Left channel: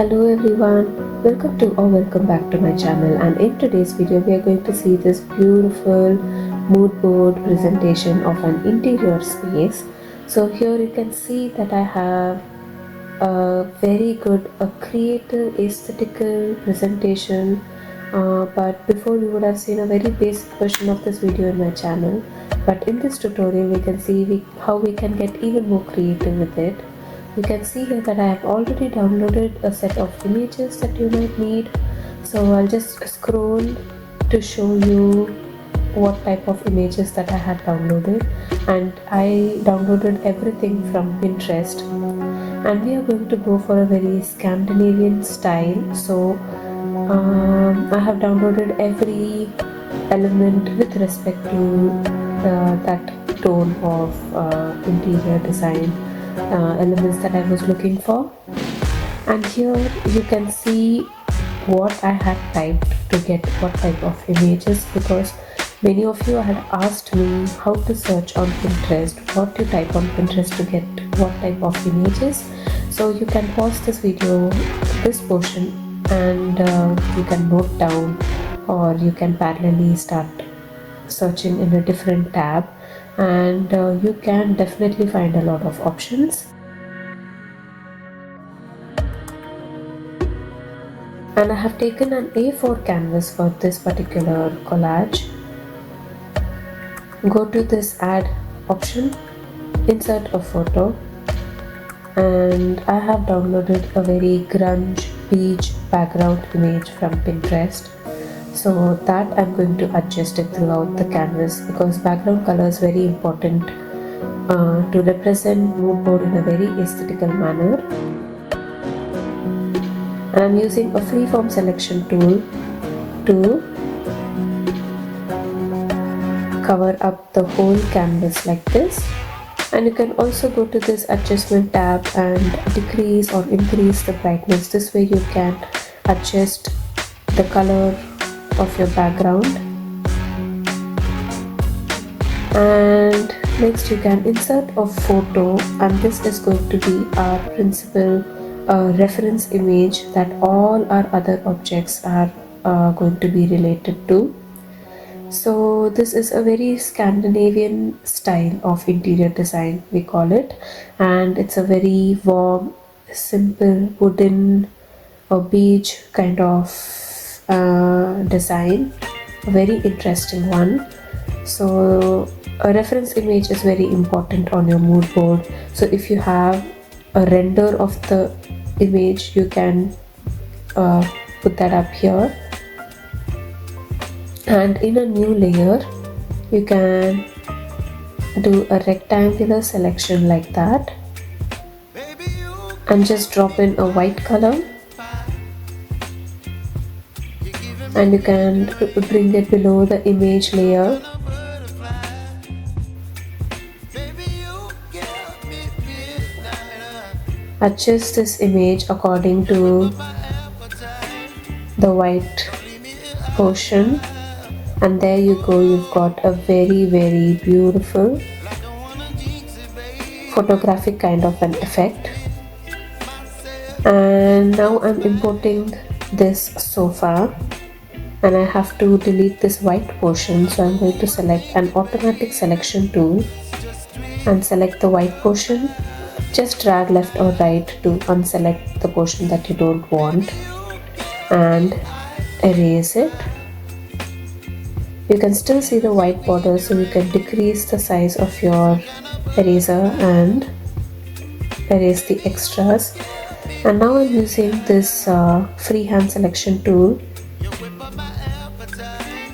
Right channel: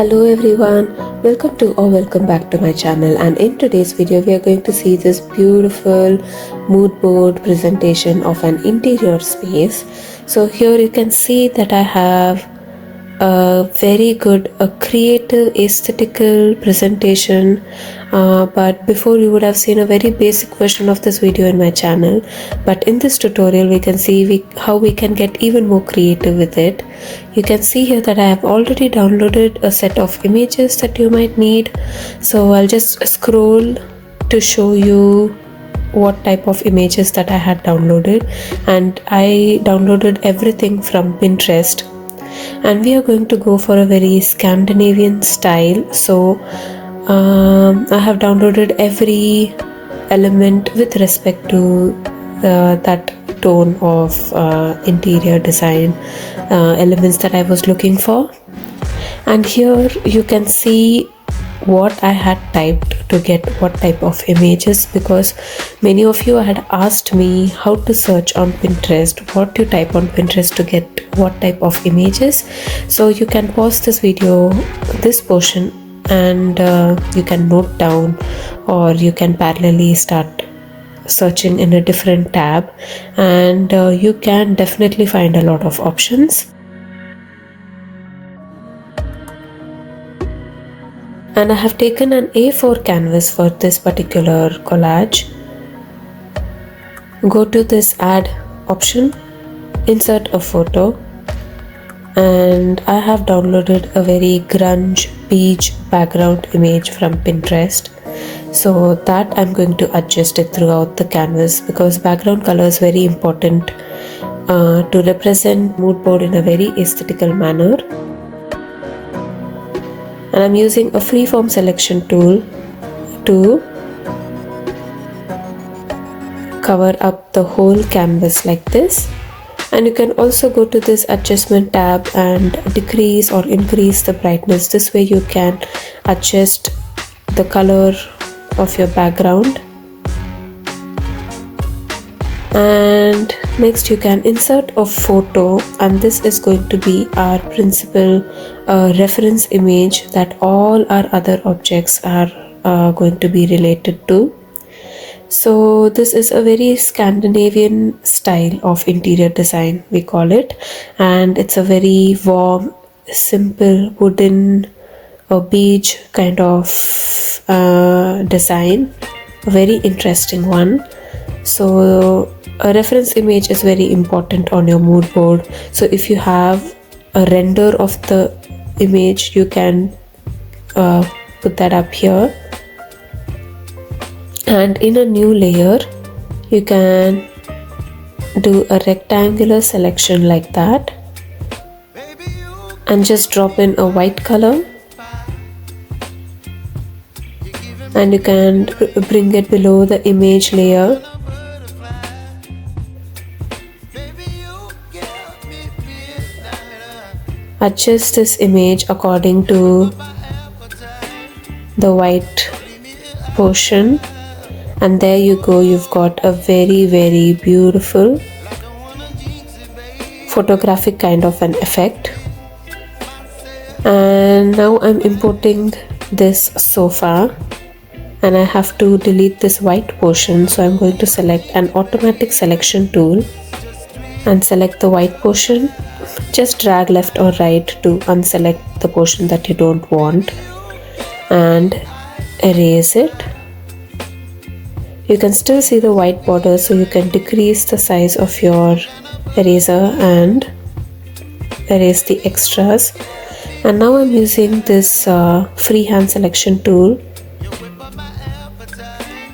Hello everyone, welcome back to my channel, and in today's video we are going to see this beautiful mood board presentation of an interior space. So here you can see that I have a very good, a creative aesthetical presentation, but before you would have seen a very basic version of this video in my channel, but in this tutorial we can see how we can get even more creative with it. You can see here that I have already downloaded a set of images that you might need, so I'll just scroll to show you what type of images that I had downloaded, and I downloaded everything from Pinterest, and we are going to go for a very Scandinavian style. So I have downloaded every element with respect to that tone of interior design elements that I was looking for. And here you can see what I had typed to get what type of images, because many of you had asked me how to search on Pinterest, what to type on Pinterest to get what type of images. So you can pause this video, this portion, and you can note down, or you can parallelly start searching in a different tab, and you can definitely find a lot of options. And I have taken an A4 canvas for this particular collage. Go to this add option, insert a photo, and I have downloaded a very grunge beige background image from Pinterest. So that I'm going to adjust it throughout the canvas, because background color is very important to represent mood board in a very aesthetical manner. And I'm using a freeform selection tool to cover up the whole canvas like this. And you can also go to this adjustment tab and decrease or increase the brightness. This way you can adjust the color of your background. And next you can insert a photo, and this is going to be our principal reference image that all our other objects are going to be related to. So this is a very Scandinavian style of interior design, we call it, and it's a very warm, simple wooden beige kind of design, a very interesting one. So a reference image is very important on your mood board. So if you have a render of the image, you can put that up here, and in a new layer you can do a rectangular selection like that, and just drop in a white color, and you can bring it below the image layer. Adjust this image according to the white portion, and there you go, you've got a very beautiful photographic kind of an effect. And now I'm importing this sofa, and I have to delete this white portion, so I'm going to select an automatic selection tool and select the white portion. Just drag left or right to unselect the portion that you don't want, and erase it. You can still see the white border, so you can decrease the size of your eraser and erase the extras. And now I'm using this freehand selection tool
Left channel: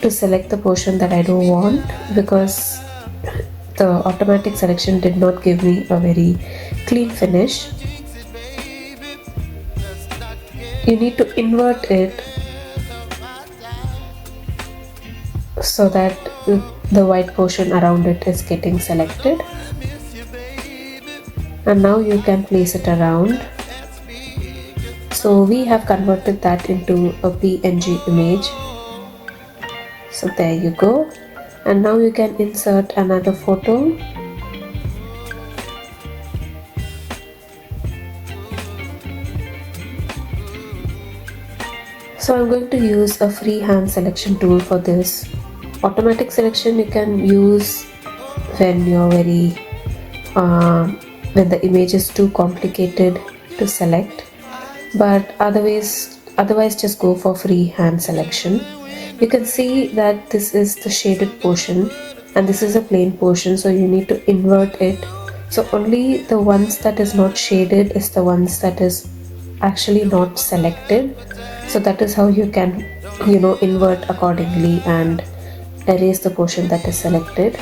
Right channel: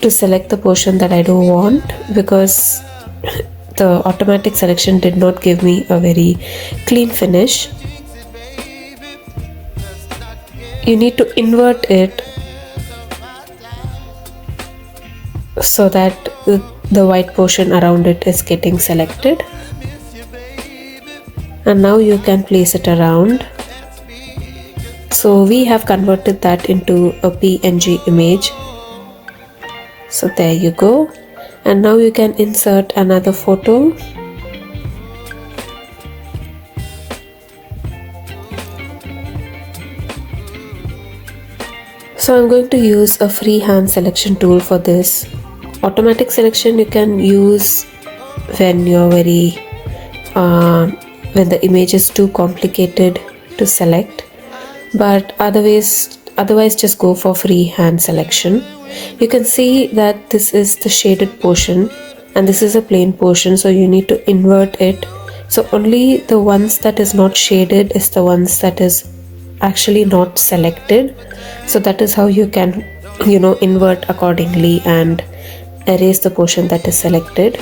to select the portion that I don't want, because the automatic selection did not give me a very clean finish. You need to invert it so that the white portion around it is getting selected. And now you can place it around. So we have converted that into a PNG image. So there you go. And now you can insert another photo. So I'm going to use a freehand selection tool for this. Automatic selection you can use when you're when the image is too complicated to select, but otherwise just go for freehand selection. You can see that this is the shaded portion and this is a plain portion, so you need to invert it. So only the ones that is not shaded is the ones that is actually not selected. So that is how you can, invert accordingly and erase the portion that is selected.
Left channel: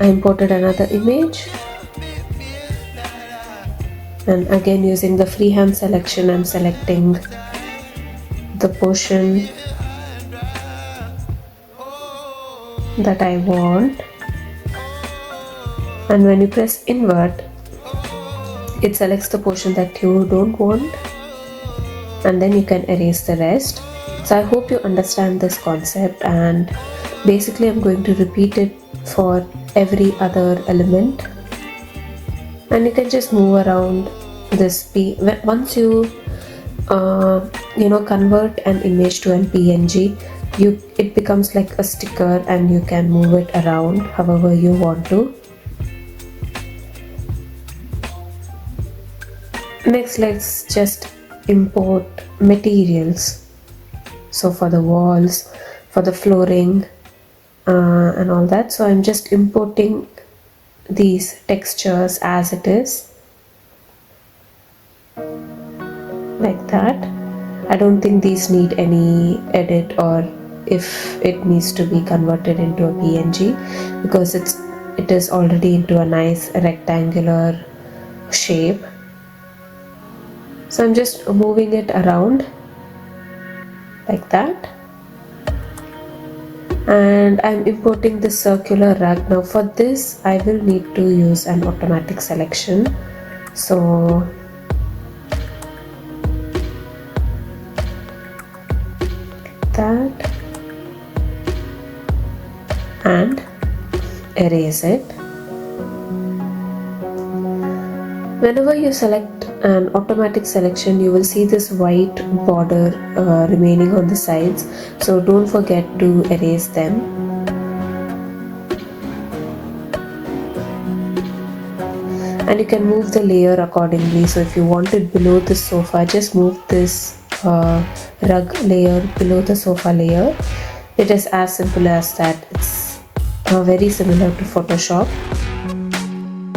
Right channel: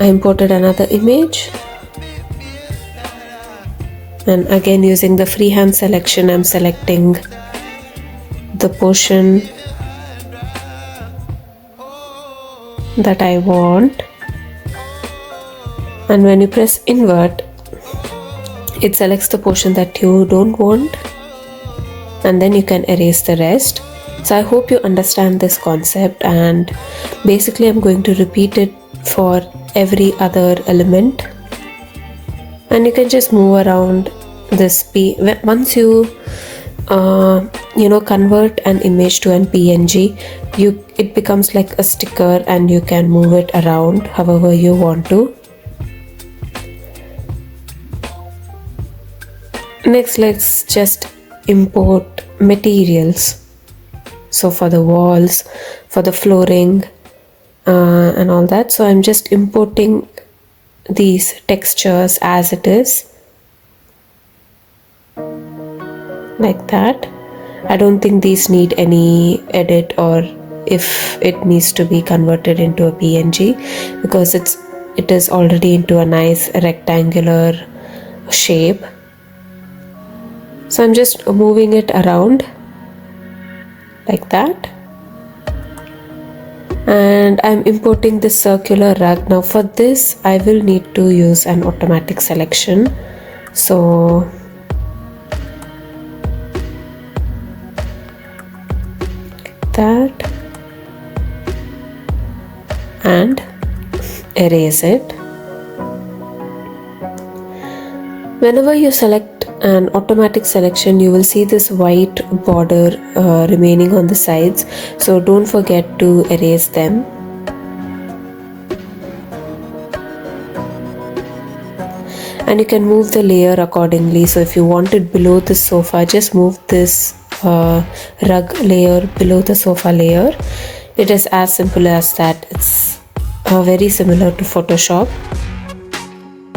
I imported another image, and again using the freehand selection I'm selecting the portion that I want, and when you press invert it selects the portion that you don't want, and then you can erase the rest. So I hope you understand this concept, and basically I'm going to repeat it for every other element, and you can just move around this once you convert an image to an PNG, it becomes like a sticker and you can move it around however you want to. Next, let's just import materials. So for the walls, for the flooring and all that, so I'm just importing these textures as it is, like that. I don't think these need any edit or if it needs to be converted into a PNG, because it is already into a nice rectangular shape. So I'm just moving it around like that, and I'm importing this circular rug. Now for this I will need to use an automatic selection, so that, and erase it. Whenever you select an automatic selection, you will see this white border remaining on the sides, so don't forget to erase them. And you can move the layer accordingly. So if you want it below the sofa, just move this rug layer below the sofa layer. It is as simple as that. It's very similar to Photoshop.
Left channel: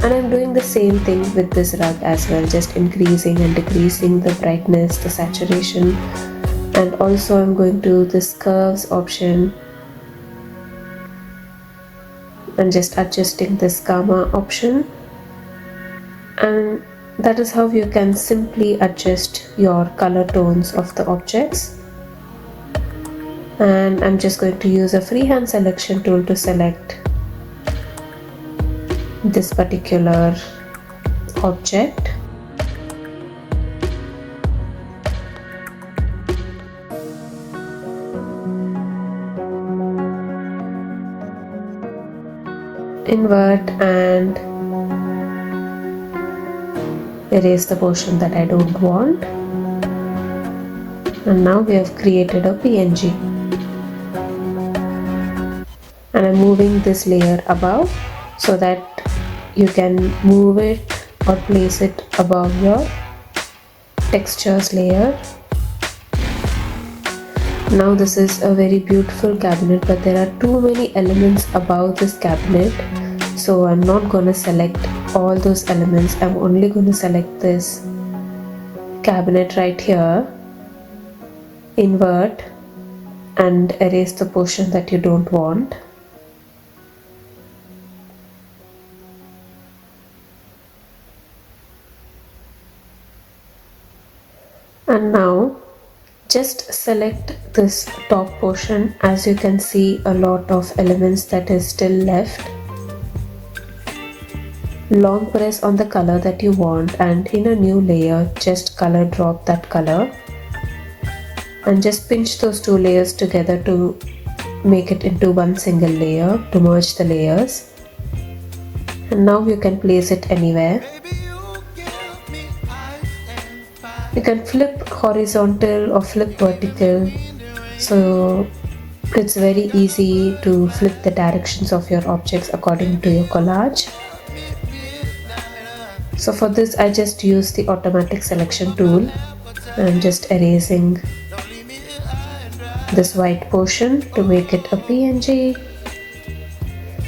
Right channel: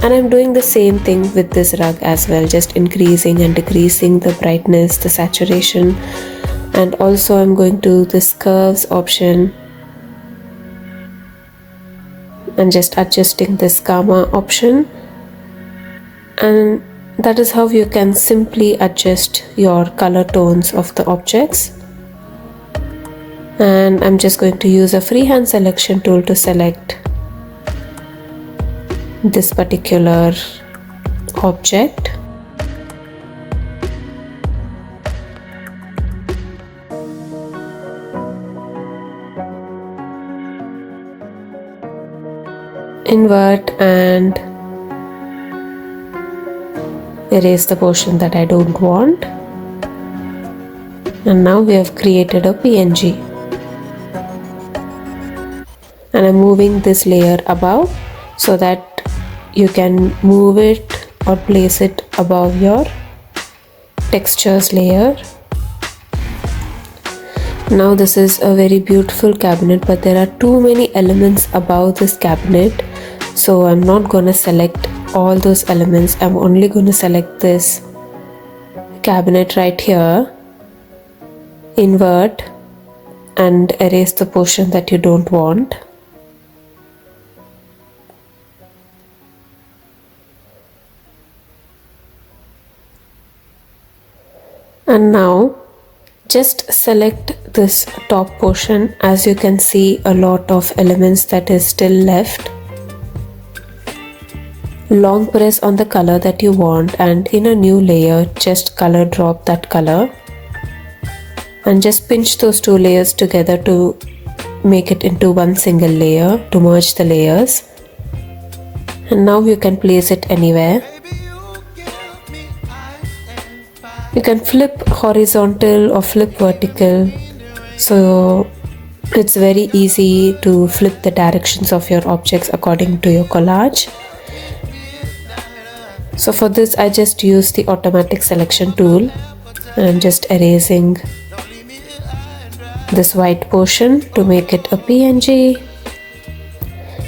And I'm doing the same thing with this rug as well, just increasing and decreasing the brightness, the saturation, and also I'm going to this curves option and just adjusting this gamma option, and that is how you can simply adjust your color tones of the objects. And I'm just going to use a freehand selection tool to select this particular object. Invert and erase the portion that I don't want. And now we have created a PNG. And I'm moving this layer above so that you can move it or place it above your textures layer. Now this is a very beautiful cabinet, but there are too many elements above this cabinet, so I'm not gonna select all those elements. I'm only gonna select this cabinet right here, invert and erase the portion that you don't want. And now just select this top portion. As you can see, a lot of elements that is still left. Long press on the color that you want, and in a new layer just color drop that color and just pinch those two layers together to make it into one single layer to merge the layers. And now you can place it anywhere. You can flip horizontal or flip vertical, so it's very easy to flip the directions of your objects according to your collage. So for this I just use the automatic selection tool and I'm just erasing this white portion to make it a PNG,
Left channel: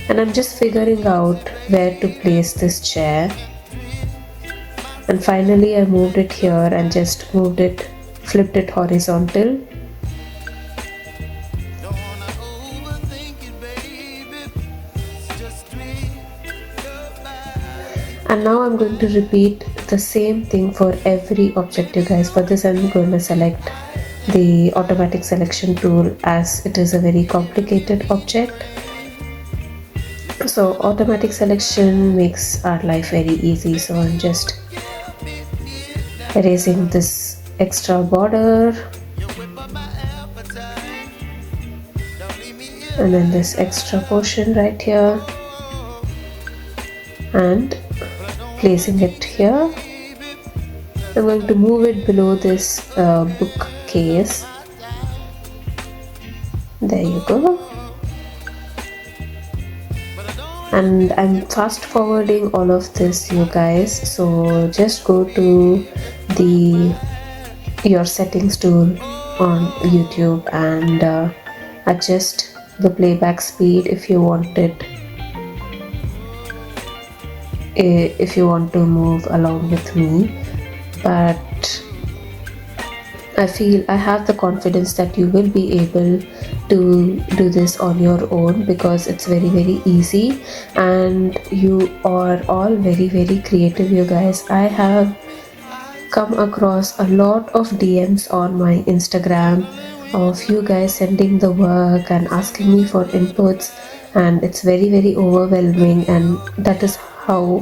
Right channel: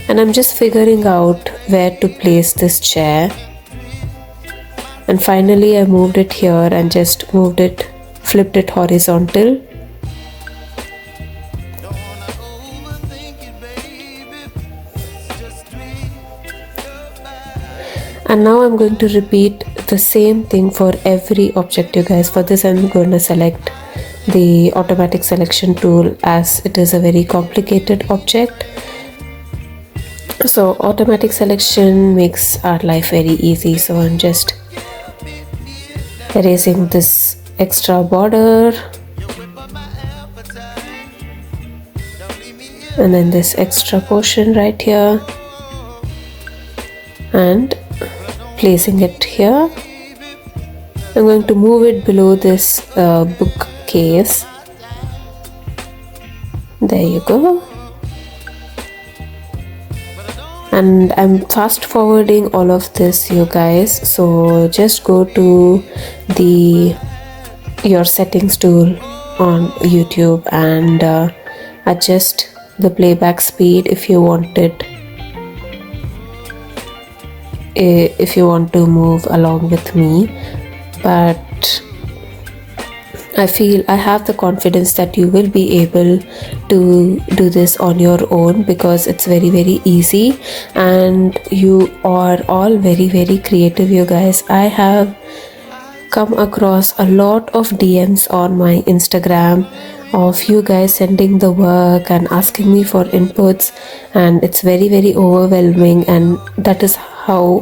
and I'm just figuring out where to place this chair. And finally I moved it here and just flipped it horizontal. And now I'm going to repeat the same thing for every object, you guys. For this I'm going to select the automatic selection tool as it is a very complicated object. So automatic selection makes our life very easy. So I'm just erasing this extra border and then this extra portion right here and placing it here. I'm going to move it below this bookcase. There you go. And I'm fast forwarding all of this, you guys, so just go to your settings tool on YouTube and adjust the playback speed if you want to move along with me. But I feel I have the confidence that you will be able to do this on your own because it's very easy and you are all very creative, you guys. I have come across a lot of DMs on my Instagram of you guys sending the work and asking me for inputs, and it's very overwhelming, and that is how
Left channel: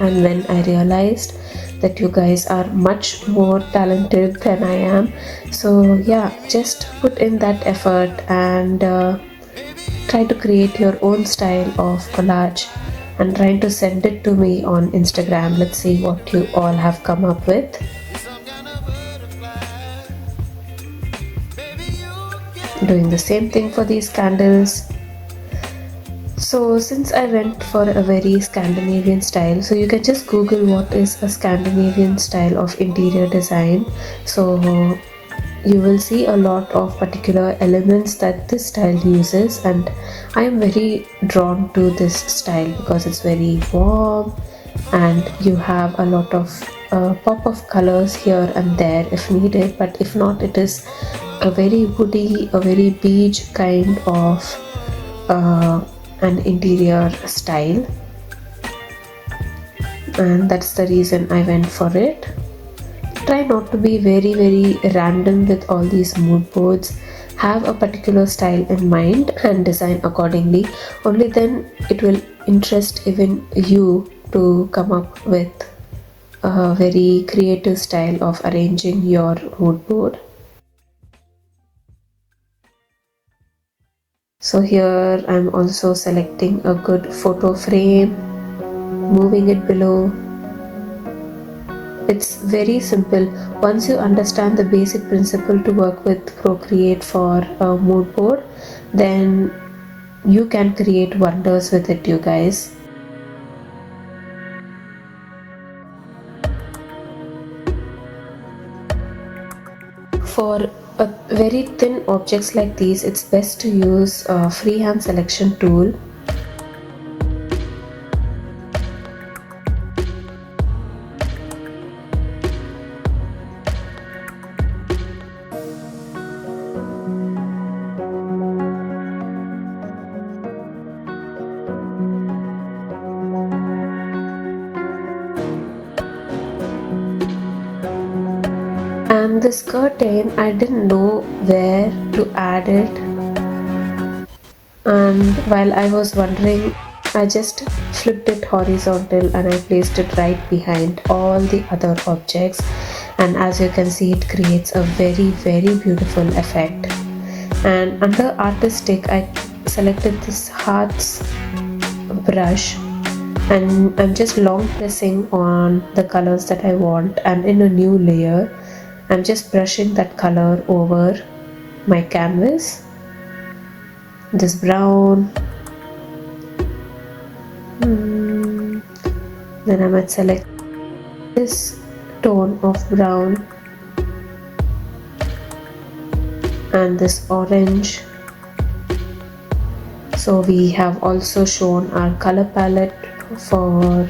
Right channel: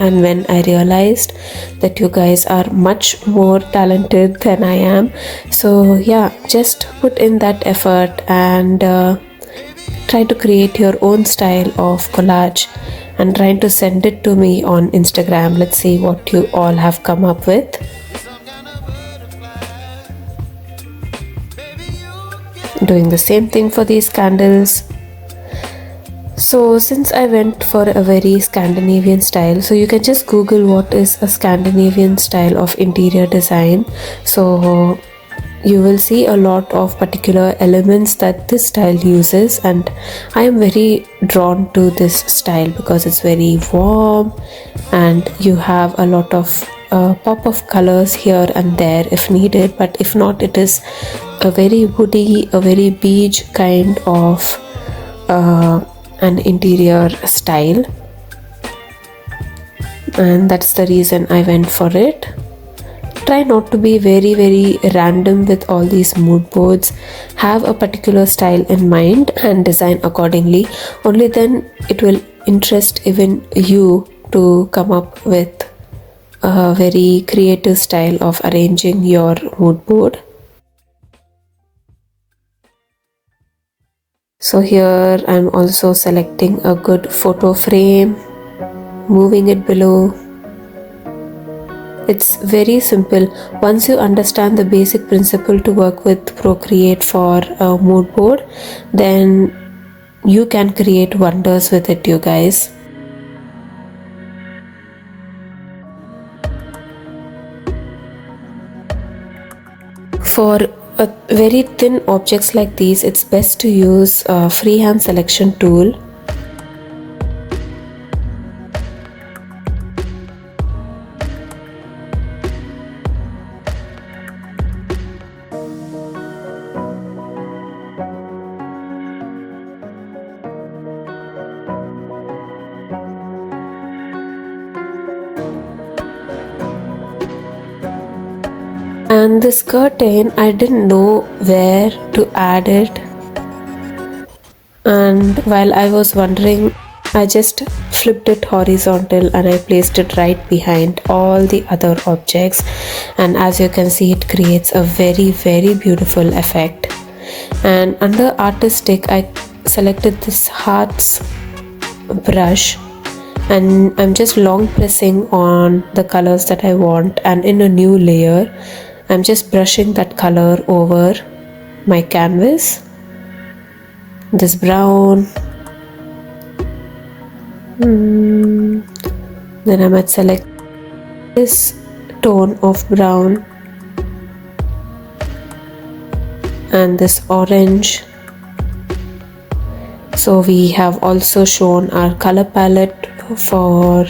and when I realized that you guys are much more talented than I am. So yeah, just put in that effort and try to create your own style of collage and try to send it to me on Instagram. Let's see what you all have come up with. Doing the same thing for these candles. So since I went for a very Scandinavian style, so you can just Google what is a Scandinavian style of interior design. So you will see a lot of particular elements that this style uses, and I am very drawn to this style because it's very warm and you have a lot of pop of colors here and there if needed, but if not, it is a very woody, a very beige kind of an interior style, and that's the reason I went for it. Try not to be very random with all these mood boards. Have a particular style in mind and design accordingly. Only then it will interest even you to come up with a very creative style of arranging your mood board. So here I'm also selecting a good photo frame, moving it below. It's very simple. Once you understand the basic principle to work with Procreate for a mood board, then you can create wonders with it, you guys. For very thin objects like these, it's best to use a freehand selection tool. And this curtain, I didn't know where to add it, and while I was wondering, I just flipped it horizontal and I placed it right behind all the other objects, and as you can see, it creates a very beautiful effect. And under artistic I selected this hearts brush, and I'm just long pressing on the colors that I want, and in a new layer I'm just brushing that color over my canvas, this brown. Then I might select this tone of brown and this orange. So we have also shown our color palette for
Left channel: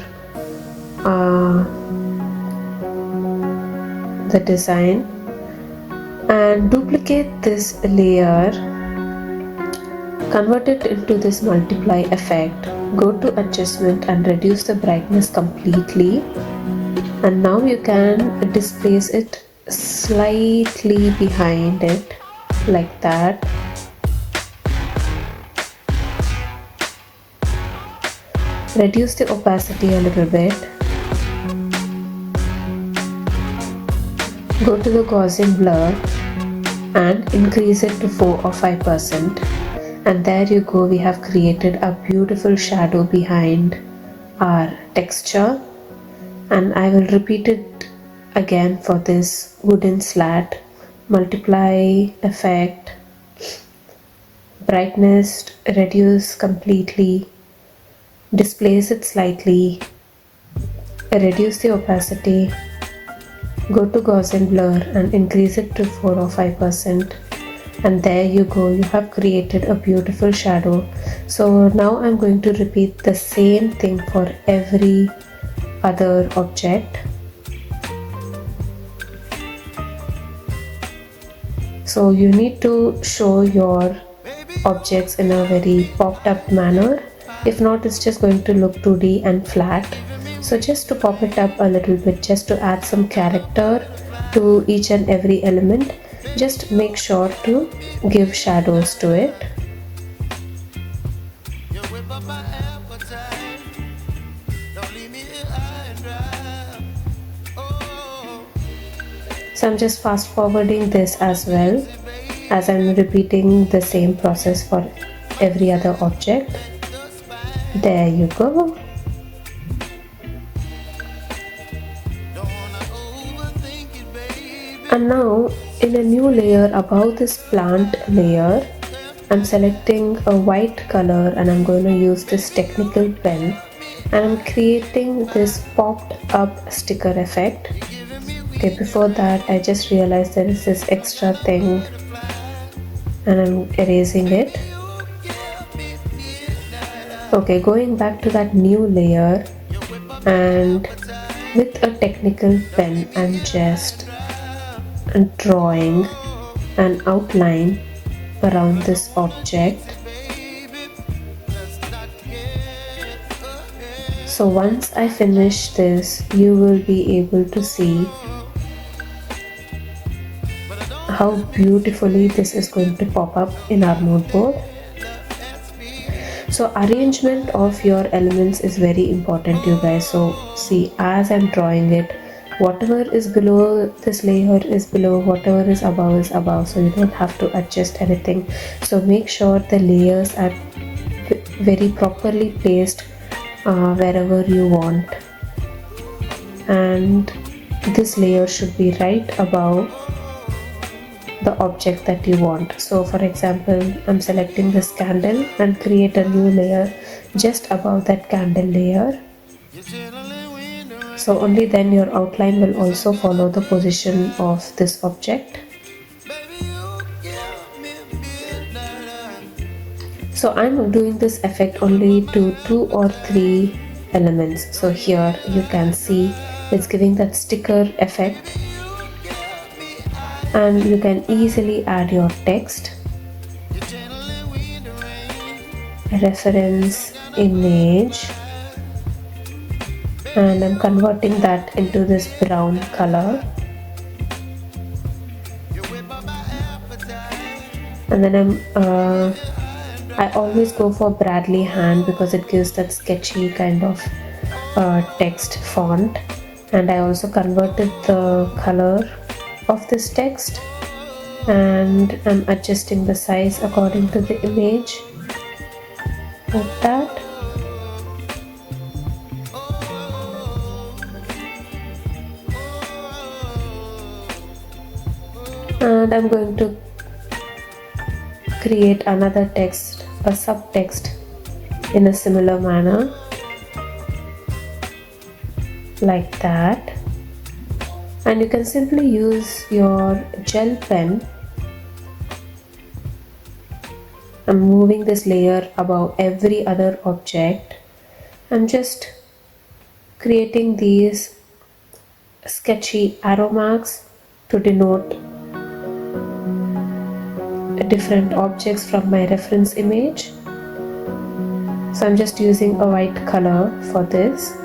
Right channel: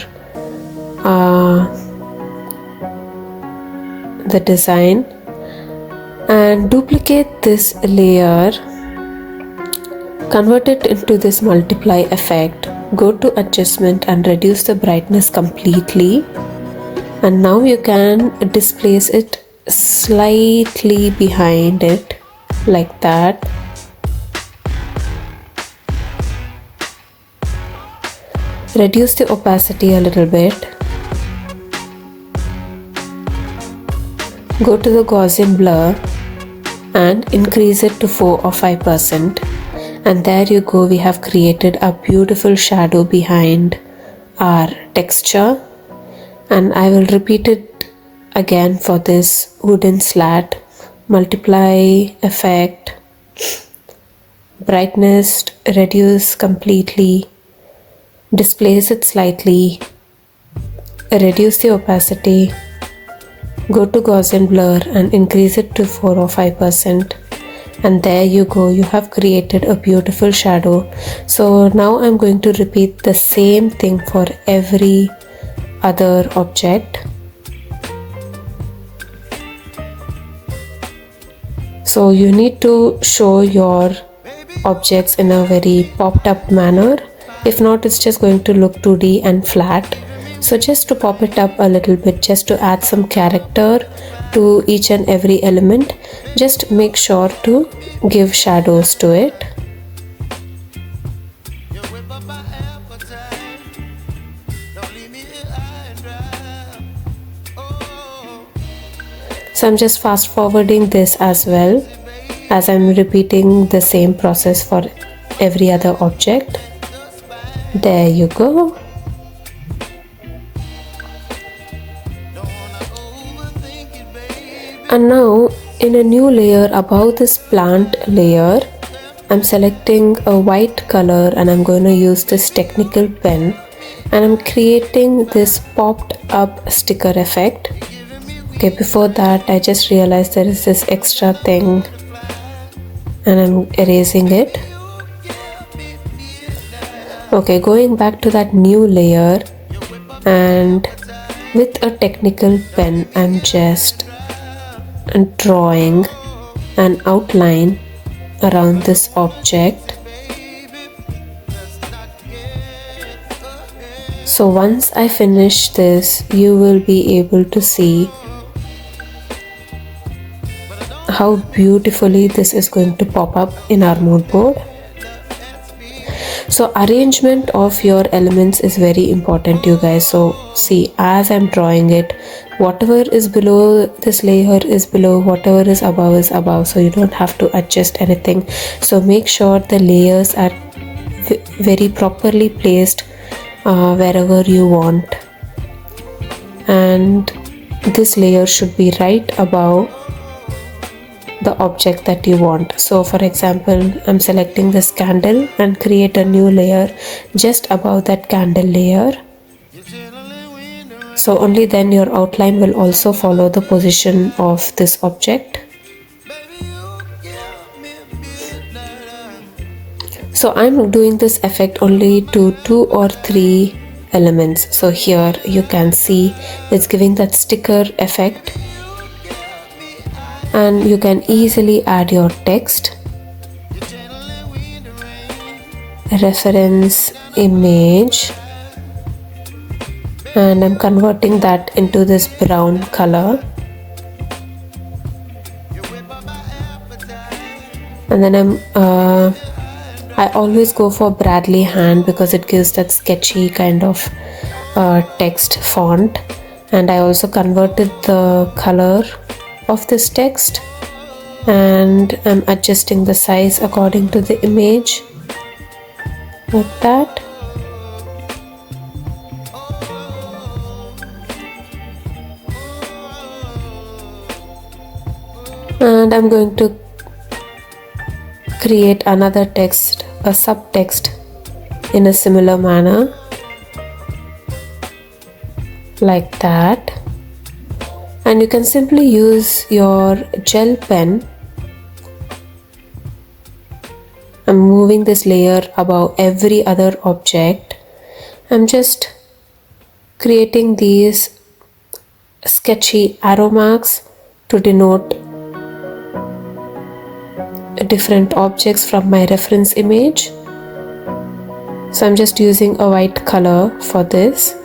the design, and duplicate this layer, convert it into this multiply effect, go to adjustment and reduce the brightness completely, and now you can displace it slightly behind it like that. Reduce the opacity a little bit. Go to the Gaussian blur and increase it to 4 or 5%. And there you go, we have created a beautiful shadow behind our texture. And I will repeat it again for this wooden slat. Multiply effect, brightness reduce completely, displace it slightly, reduce the opacity, go to Gaussian blur and increase it to 4 or 5%. And there you go, you have created a beautiful shadow. So now I'm going to repeat the same thing for every other object. So you need to show your objects in a very popped up manner. If not, it's just going to look 2D and flat. So just to pop it up a little bit, just to add some character to each and every element, just make sure to give shadows to it. So I'm just fast forwarding this as well, as I'm repeating the same process for every other object. There you go. And now in a new layer above this plant layer, I'm selecting a white color and I'm going to use this technical pen, and I'm creating this popped up sticker effect. Okay, before that I just realized there is this extra thing and I'm erasing it. Okay, going back to that new layer, and with a technical pen I'm just drawing an outline around this object. So once I finish this, you will be able to see how beautifully this is going to pop up in our mood board. So arrangement of your elements is very important, you guys. So see, as I'm drawing it, whatever is below this layer is below, whatever is above, so you don't have to adjust anything. So make sure the layers are very properly placed wherever you want, and this layer should be right above the object that you want. So for example, I'm selecting this candle and create a new layer just above that candle layer. So only then your outline will also follow the position of this object. So I'm doing this effect only to 2 or 3 elements. So here you can see it's giving that sticker effect, and you can easily add your text, reference image, and I'm converting that into this brown color. And then I always go for Bradley hand because it gives that sketchy kind of text font, and I also converted the color of this text. and I'm adjusting the size according to the image like that. And I'm going to create another text, a subtext, in a similar manner like that. And you can simply use your gel pen. I'm moving this layer above every other object. I'm just creating these sketchy arrow marks to denote different objects from my reference image. So I'm just using a white color for this.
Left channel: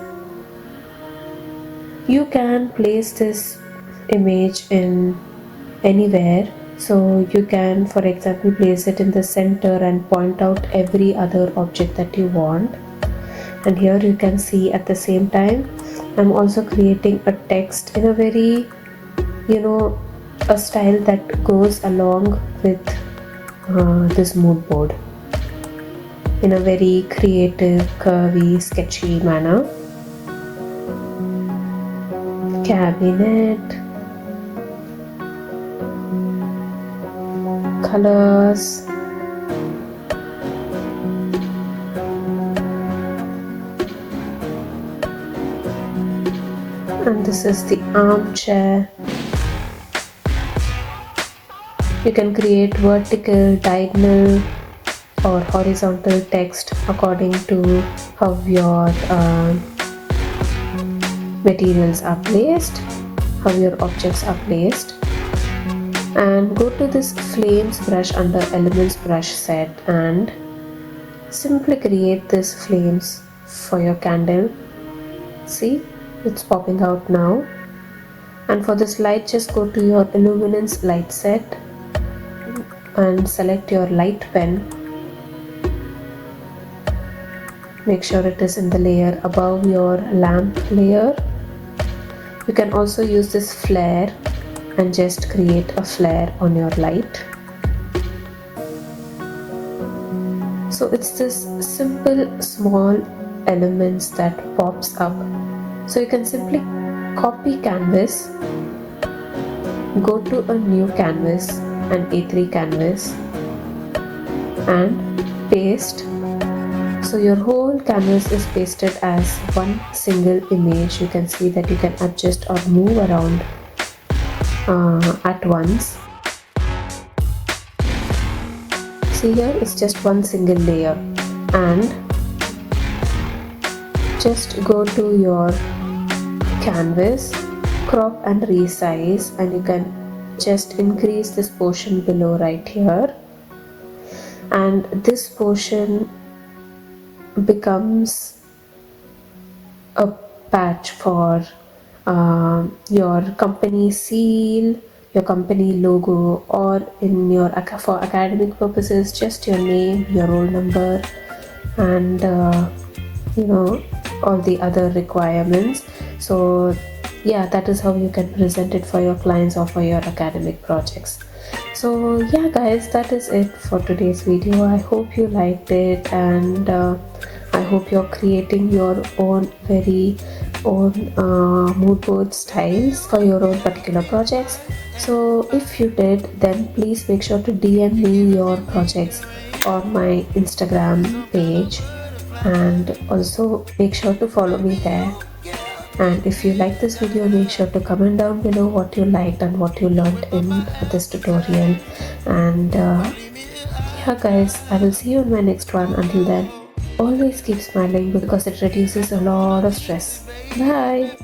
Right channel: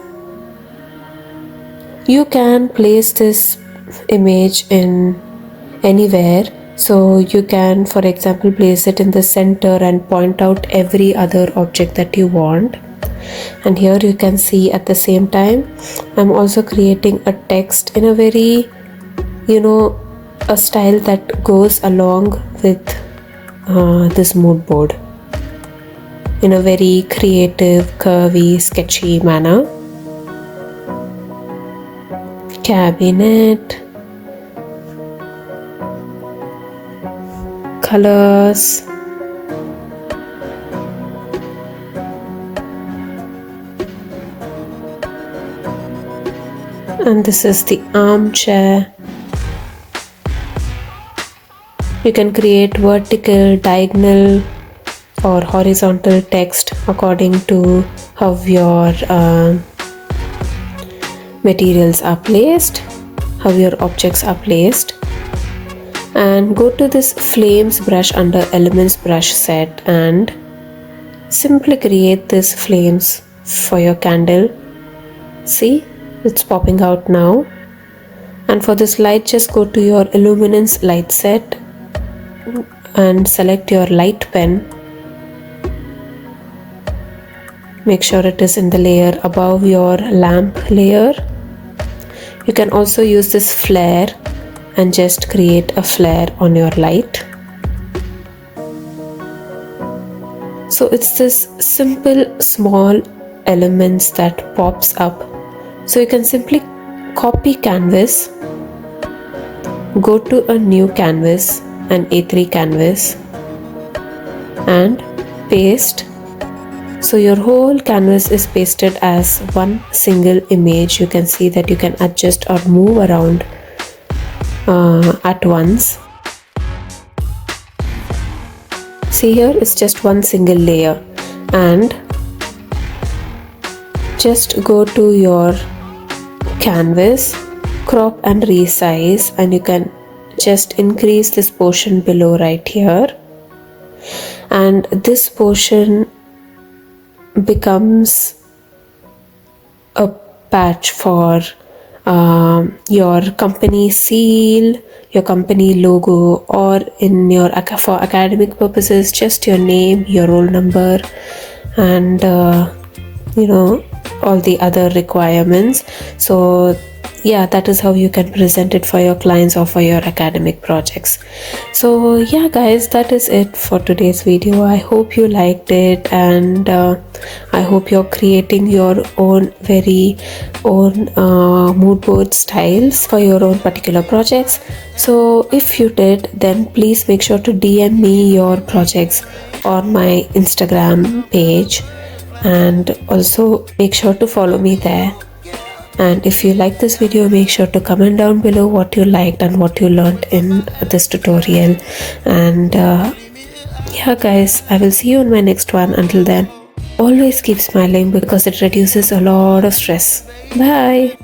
You can place this image in anywhere. So you can, for example, place it in the center and point out every other object that you want. And here you can see at the same time, I'm also creating a text in a very, a style that goes along with this mood board in a very creative, curvy, sketchy manner. Cabinet, colors, and this is the armchair. You can create vertical, diagonal or horizontal text according to how your materials are placed, how your objects are placed. And go to this flames brush under elements brush set and simply create this flames for your candle. See, it's popping out now. And for this light, just go to your illuminance light set and select your light pen. Make sure it is in the layer above your lamp layer. You can also use this flare and just create a flare on your light. So it's this simple small elements that pops up. So you can simply copy canvas, go to a new canvas, an A3 canvas, and paste. So your whole canvas is pasted as one single image. You can see that you can adjust or move around at once. See, here it's just one single layer. And just go to your canvas, crop and resize, and you can just increase this portion below right here, and this portion becomes a patch for your company seal, your company logo, or in your for academic purposes just your name, your roll number, and all the other requirements. So yeah, that is how you can present it for your clients or for your academic projects. So yeah guys, that is it for today's video. I hope you liked it, and I hope you're creating your own very own mood board styles for your own particular projects. So if you did, then please make sure to DM me your projects on my Instagram page, and also make sure to follow me there. And if you like this video, make sure to comment down below what you liked and what you learned in this tutorial. And yeah guys, I will see you in my next one. Until then, always keep smiling because it reduces a lot of stress. Bye.